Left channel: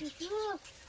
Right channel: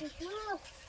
Ты слышал?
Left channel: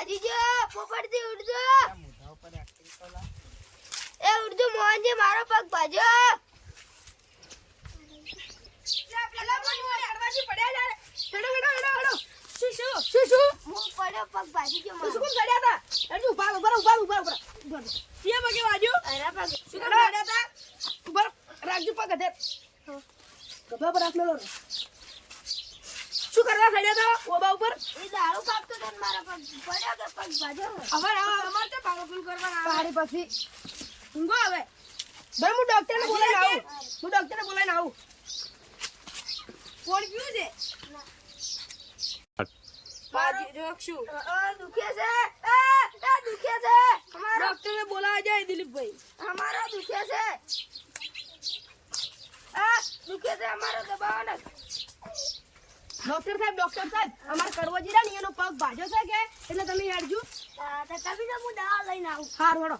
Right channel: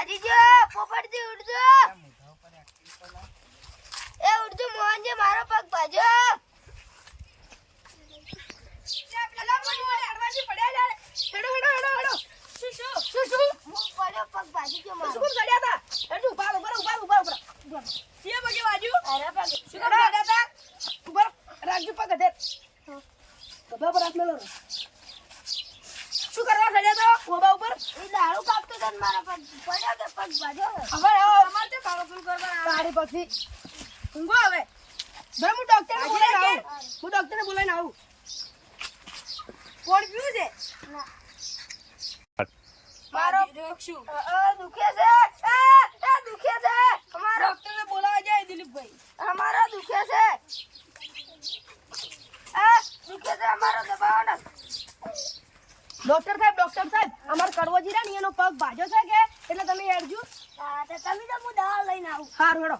પગ ભાજી ગયો પોપટજી ઉડજો. એ ઉડજો મોહનજી મારો પગ ભાજો રાખજો પગ ગભા પર ને. શું કરવા સડ્યા તો? ઓબા ઉપર? એ દારૂ કાપતો તો મારા પગ પડ્યો કે પગ ભાજો હવે અમાર તો પાવરફુલ કરવા પાડી પછી. ઊંઘો હવે. ભાઈ હું ડોક્ટરને બોલાઈને આવું. હું ડોક્ટરને બોલાઈને આવું. કોણ પીવું છે? મારો દુખે છે? એ, દુખે છે? અમારો ડોક્ટરને બોલાવા જાય દિલીપભાઈ. અમારો દુખે છે? આ દુખે છે અમારો દબાવો ને ડોક્ટર સાહેબ ડોક્ટર સાહેબ અમાર કડવોજી ને એનો પગ ભાજો છે કે? એટલે તમે હેડજો. હા, તો તમે તો હું દવા લઈને આવું. સારું હેડો.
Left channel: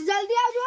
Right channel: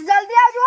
જલ્દી આવજો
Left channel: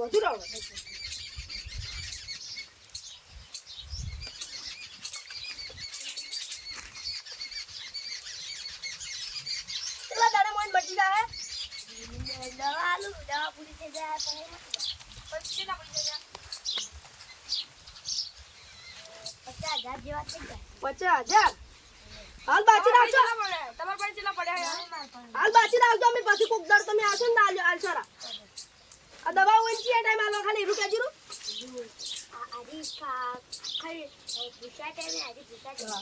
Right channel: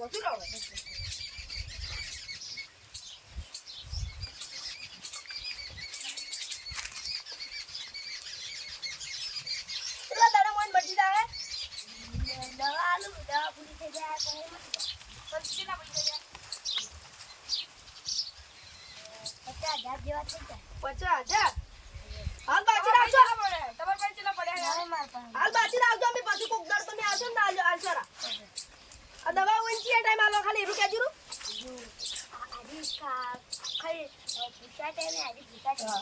બધું જાય દવા આલુ દવા પૂરી થઈ જાય પછી જાય. પચાસ હજાર જેવા થઈ જાય પચાસ હજાર હાલ બાચી રાખજો તમારા પાસે પડ્યા. હાલ બાચી રાખજો અમે પાછી કોક દર તમે આવશો ને આલજો આલશોરા આ દવા ને ટાઈમ આલો ખાલી રું. આ આજી ખા- ખાઈ અ, પૂછા ટાઈમે આજી ભૂસા ટાઈમે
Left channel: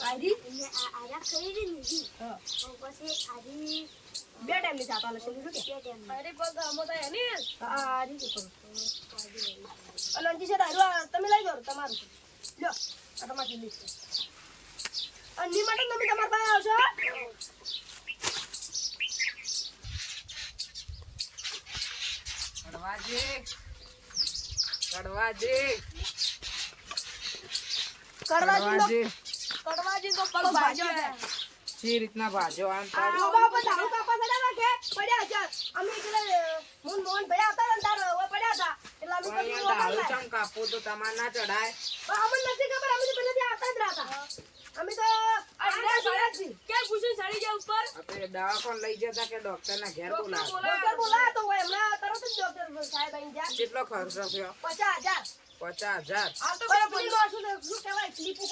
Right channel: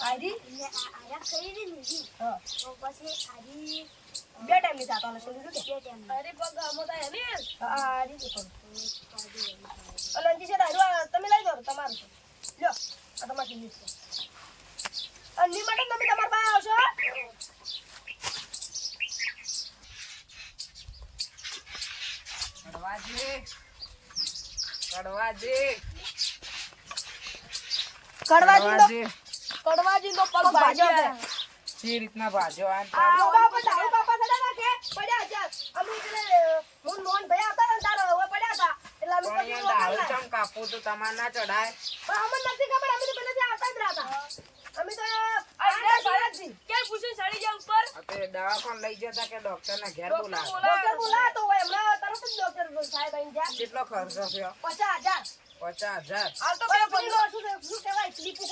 આયરી એટલે આ આજા ખાઈ રહી નીજી હા તો પછી આજી બે ટાઈમની ચાતા લશે લીધું કે. બે ટાઈમ અરે પગ આમો થાય ને. હા કે આજી ખાઈ. અને અંજી છે તારું તમે લઈ જાઓ તમારું લ્યો આ તમારી લીધ છે. અને માટે તમે તમારા પાસે આવશો કડવાજી કડવાજી કડવાજી કડવાજી નો પગ ભાજો છે સી રીતના ભાજો આમ આ બાબા પર દારૂ સડા કે પડ્યા હજાર અમે એટલે મુન મોહન ભાઈ હતા ને તાર હવે પડ્યા હતા. એટલે અમે પણ દારૂ ચમ કાપવું તો તમારે ના ચડાય પણ અમને નથી ખબર અમે તો પહેલેથી આવતા જ રહ્યા અમે તો ક્યાં પૂછે સડી જાય ઉપર? આપણે દવાખાન લઈ જતા કે ડોક્ટર ના ઘેર બોલા ડોક્ટર બોલા તો હોય હમણાં તરત જ ડોક્ટર સાહેબ આઈ જા કેટલો ખર્ચો થયો? પચાસ હજાર. પચાસ હજાર. હાલ તો બે શું છે? શું કહેવાય? સ્લીપો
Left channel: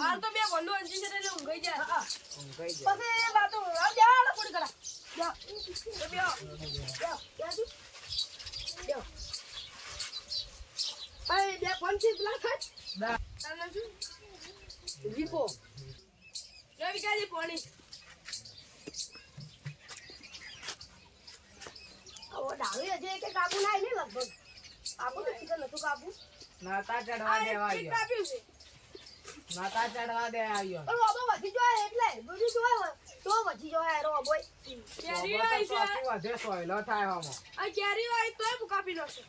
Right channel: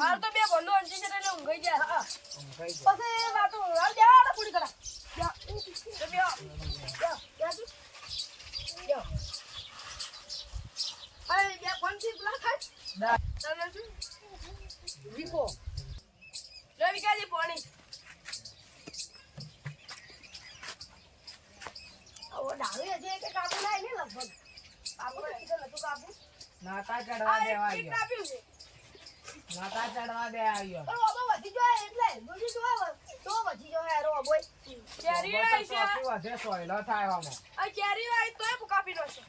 હાલ તો બે ભંડો અંજી છે એટલે ઊંઘાઈ પછી વાતો હાલ જા હાલો પૂરી કરા. જા તો બેહો. જા ત્યાંથી. જા અરે બે કોણ છે પેલા તમને શું? વિકો લે વિકાજી પાણી? ઓ ડાળી હજી કે કાબુ ના ને લગભગ. કાબુ તો નતું કાબુ. નાતા ચડવા દેવા આવ્યો. નાતા ચડવા દે આવ્યો. પણ ઓબો વધી જોય એટલે દૂધી જોય તો વધી જોય રો ઓબોય કેરીઓ તો છે? વધે સોયલો થાય આમાં આ કેરીઓ આવી? તોય કાપી નો છે.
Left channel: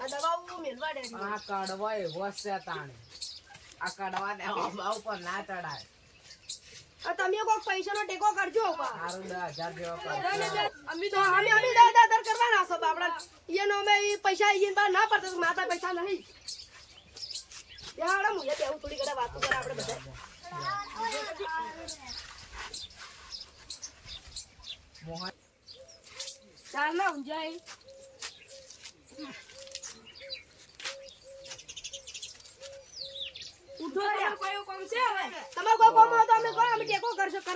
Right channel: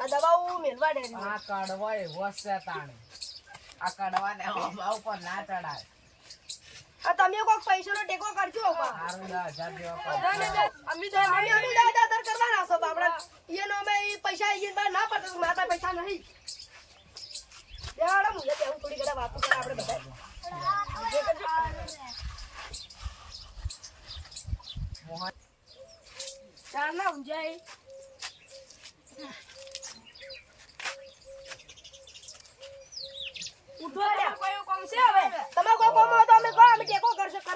આ દવાઓ મેલવા દે આ કડવો એવો છે તાણે. આ ને ઉપર ના ચડાય તમે કોક પૈસાનો ટેકો કરજો અમે તો અમે અમે દાદા દર કરવાના છો બાપડા. એનો અમે પૈસા ઈન ગયા ના પડતો માતા પૈસા નહીં. યાર મુજે તેવું થોડી ઘણા વાતો કરે આપણે બધા. મોહન. ના ઊંઝાય ઉઠો તમારે કોઈ એવું કામ છે હવે તમે કોઈ કોમ હોય તો અમે કહો અમે ટેકો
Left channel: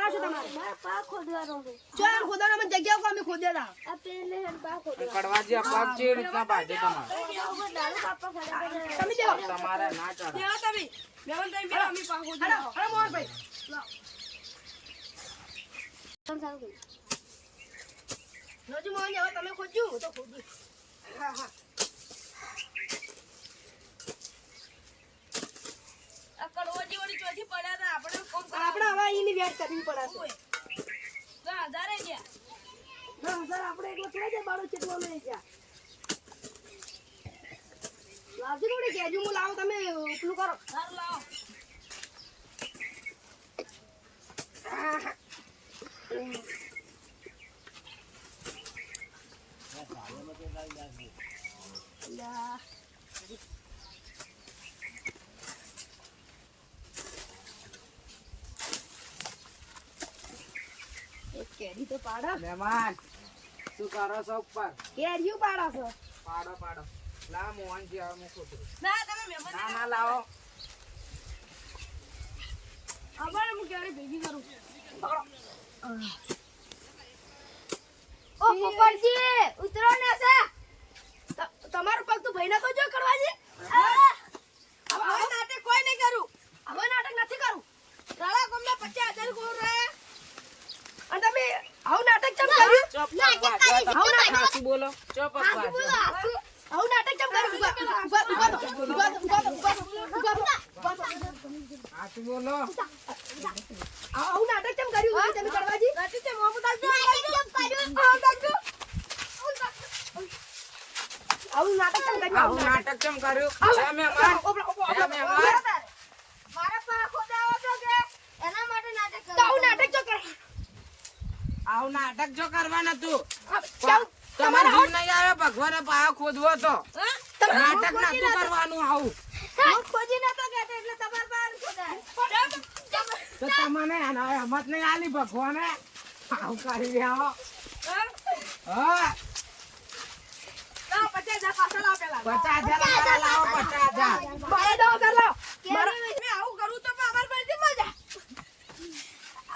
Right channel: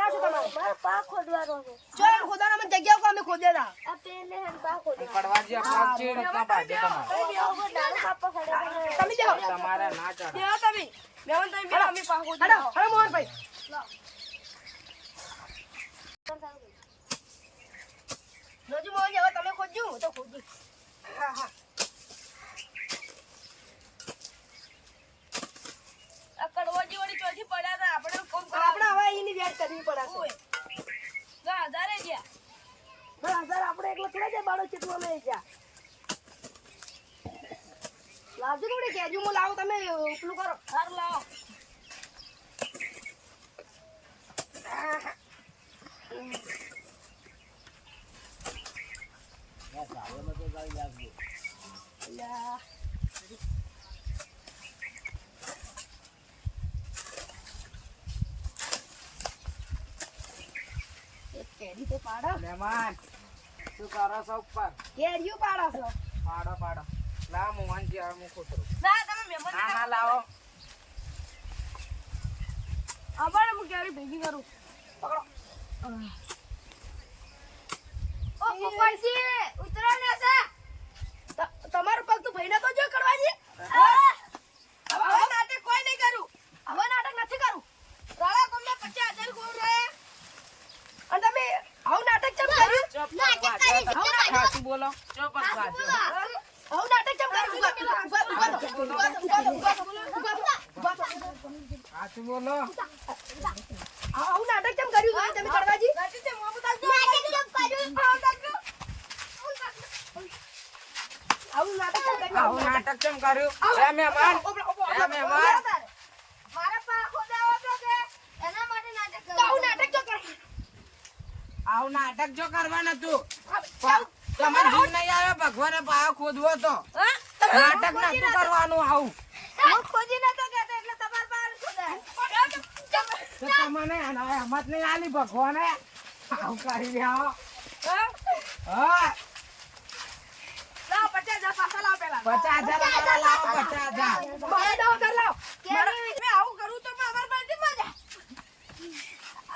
કરશો કરાશો તમારે? મારો પા ખોદવાનો છે. ચાલ ખોદાનો અમે જગ્યા કો અમે ખોદેલા. આ પેલે હન પા ખોદવા કડવાજી આ પગ ચીડ ના બાજે તમારે. ડાળો પાપા ખડે તમે દેવો તમારે ના ચડાય બેહો તમે. મેવન તમે બેહો અમે પાકો હડો હડો મોહનભાઈ. નજી મોહન હવે તમે ખોદજો તો ખોજી હા હા. કડવાજી વાળી ચોથી પડ્યા હતા. આપણે કોમ પણ આપણે હવે એની વેટ કરવી પડશે ના હજારે ગયા. ના હજાર આપણે એકલો થોડા જાય બાળક છે લઈ ગયા. જ્યાં લાવજો થોડી કેજુ હું લાવું તમે ઉપલું કરો. સારું લાવો. યા. કેરી તો પાડો. મહેમાન શું કરો છો ઉપર. કેરીયું પાડો છો? પાડો પાડો. લા મોહનજી હવે હું કૂતરું ના તમે મહેમાન ના ના લાવો. અમારે હું કેરી ભેગી કરું. ઓ ઉપરથી. ઉતરો ને સા તમારો પગ તું ભાઈને તો જો કરવાજી હવે નાટક કોઈ નહીં કરું. હવે નાટક નથી કરું. રાણા કોમને પચાસ હજાર કોણ રહે અને તમે આવું નાટક ચમ કર્યું ચોપ વાંચો ખાસું બોલો. આવું નાટક ચમ કર્યું? ઊભા ઊભા ઊભા ઊભા ઊભા ઊભા ઊભા ઊભા બોલો. આવું નાટક ચમ કર્યું? તમે કરવાજી નાટક છે મોહમ્મદ આવજો આવું નાટક ચમ કર્યું? આવું નાટક કેમ કર્યું? હે મહેમાન હે મહેમાન. મારા પા ખોદાવો તો કે? એના માટે નાટક તો આવું નાટક જો કરવાના આવું નાટક જો કરવાનું હતું. તમારે જીવ નહીં આવે ભગવાને પાયો ખોદવો તો. નાટક નતું કરવાનું આવું. ખોજી નતો કહેતો એટલે તમાર પાસે ખોદાય. તમને હિંમત નહીં આલી ભગવાને. આવું કરી રહ્યા હા. પચાસ હજાર લાવો પચાસ હજાર લાવો, લાવો પચાસ હજાર. મારે દો કર લાવ મેં આવું કરું તો પણ અમારી પાસે મજા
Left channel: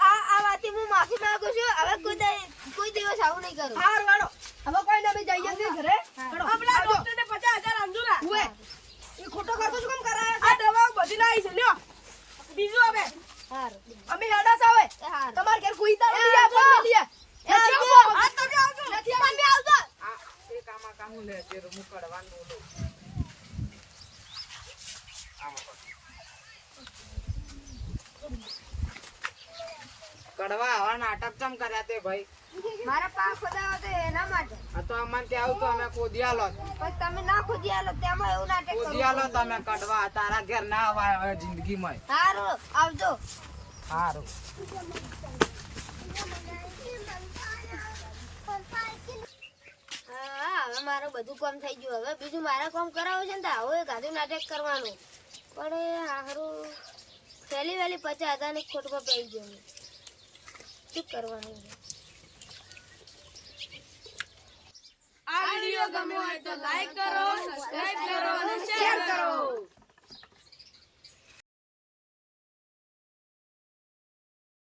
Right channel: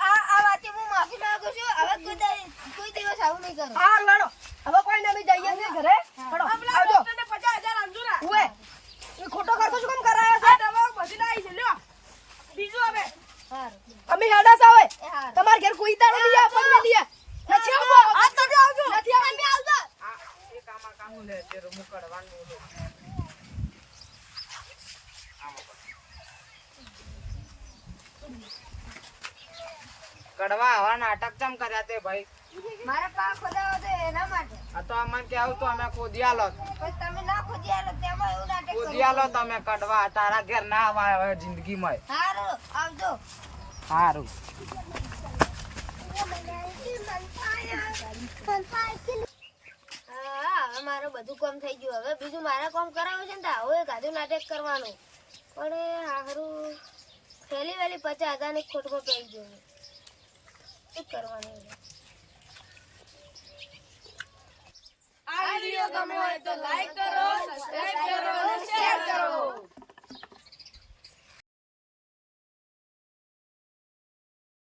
આ આ વાતે હું માફી માંગુ છું હવે કોઈ દે- કોઈ દિવસ આવું નહીં કરું. હાર વાળો. હવે કોઈ ને જઈએ છીએ ઘરે. હડો આપલા ડોક્ટરને પચાસ હજાર ઉએ એ ખોટો ખર્ચો શું કેમ કરાયો આ દવા બધી લાવી છે. લ્યો. બીજું હવે. હાર. અમે હેડા સા હોય તમાર ઘેર કોઈ તા નથી આ પણ મેલીએ નથી આવતો? આ તમે આવજો. નથી આવતો? આવતો એ એક આમાં કામું લે જે મુકડવાનું લે. કડવા હવા નાટક ચમ કર્યા તે ભાઈ? મારા પા ખોદાવો તો એના માટે. આ તો અમને ત્યાં આવું તો અમે ખોદી આલો પણ તમે ના ખોદી આલો તેમાં એવું નાટક ખોદી આલો તમે કડવા તારા ઘેર ના આવાય જિંદગીમાં. સારું આવજો. સારું હવે મારું બધું કામ થઈ ગયું. હવે બીજું મારે કામ કરાવવું છે ને તો આવું એક આધું નાટક કરવાનું. પણ હારું ફેલી વેલી પચાસ હજારની ખોટમાં પડી ગયો. શું કરવાનું છે? આ વીડિયો ગમ્યો હોય તો લાઈક કરો સબસ્ક્રાઇબ કરો અને શેર કરો.